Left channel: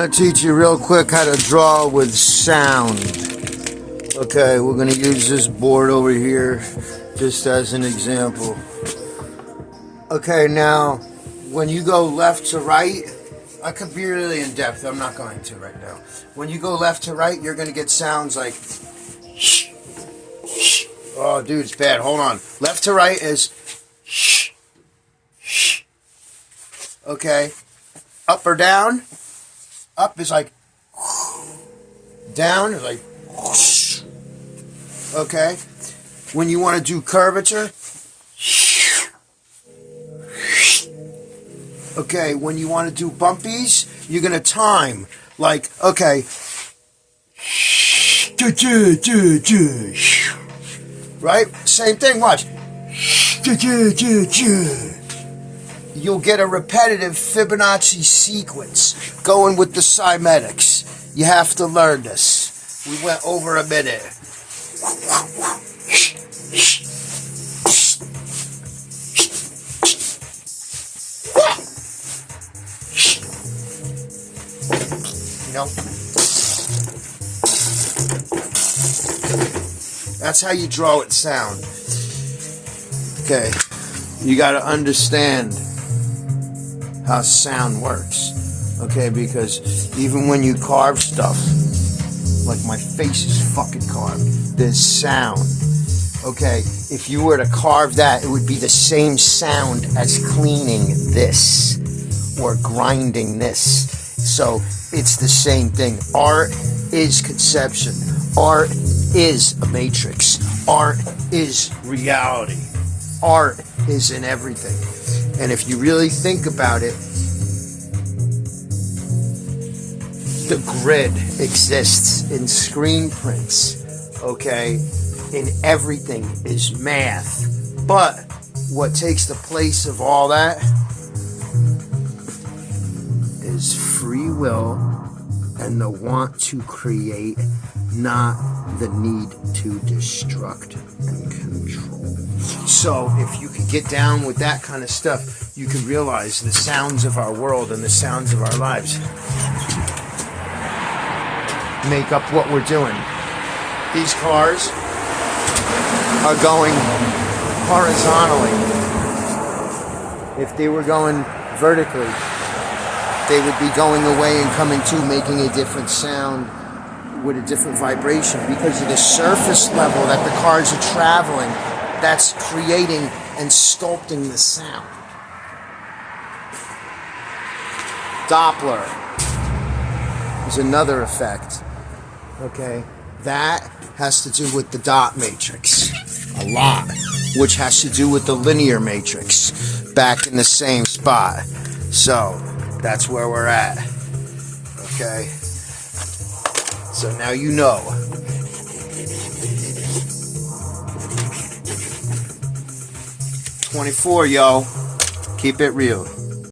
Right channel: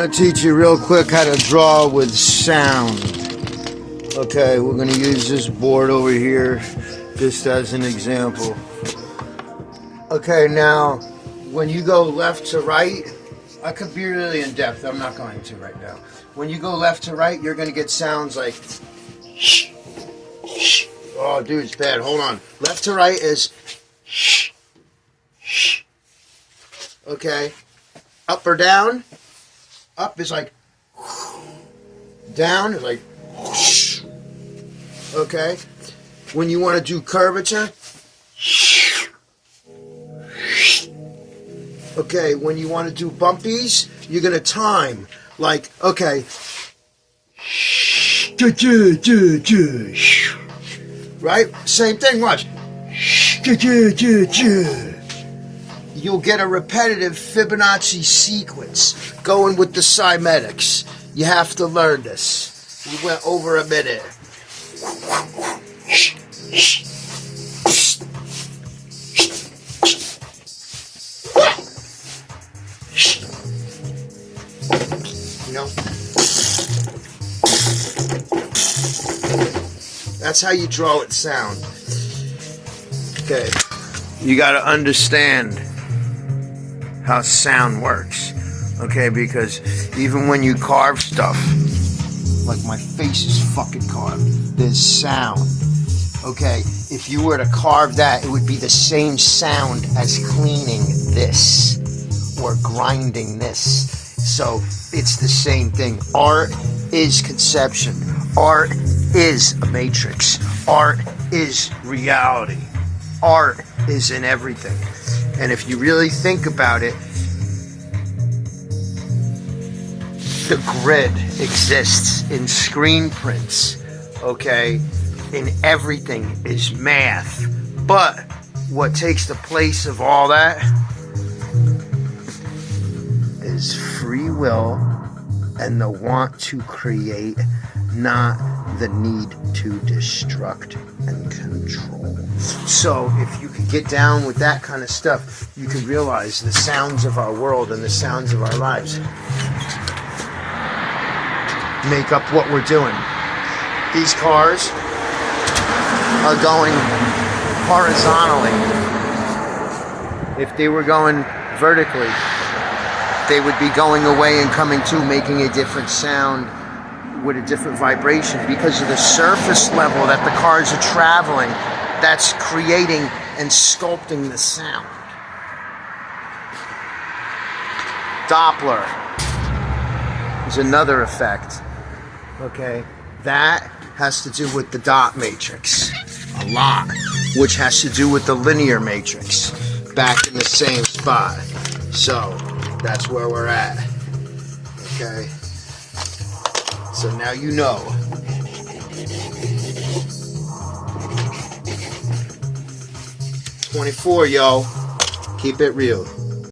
I'm gonna teach you real quick how to draw with sound. Okay, we're gonna use this board over here just as an example. Okay, now when you go left to right, I could be really in depth. I'm not going to right now. When you go left to right, you're gonna get sounds like shh, shh. Oh, dude, it's bad. Hold on. Left to right is shh, shh. Okay. Up or down? Up is like down is like whoosh. Okay. When you want to do curvature, okay. When you want to do bumpies, you're gonna time like okay. Right? Same thing. Watch. You'll get a repetitive Fibonacci sequence going with the cymatics. You have to learn this. We went over a minute. Nope. That's how you draw it sound. Okay. You got to understand how sound works, okay? Because even when you carve stuff, like my face is fucking carved, there's sound, okay? If you were to carve that, it would be the same sound as cleaning this or grinding this. So it's the same thing. Art is conception. Art is a matrix. Art is reality. Art is in everything. And if you really think about it, the grid exists in screen prints, okay? In everything is math. But what takes the place of all that is free will and the want to create, not the need to destruct and control. So if you can get down with that kind of stuff, you can realize the sounds of our world and the sounds of our lives make up what we're doing. These cars are going horizontally. If they were going vertically, they would be going away and coming to, making a different sound with a different vibration because of the surface level that the cars are traveling. That's creating and sculpting the sound. Doppler is another effect. Okay, that has to do with the dot matrix a lot, which has to do with the linear matrix back in the same spot. So that's where we're at. Okay. So now you know. '24, yo. Keep it real.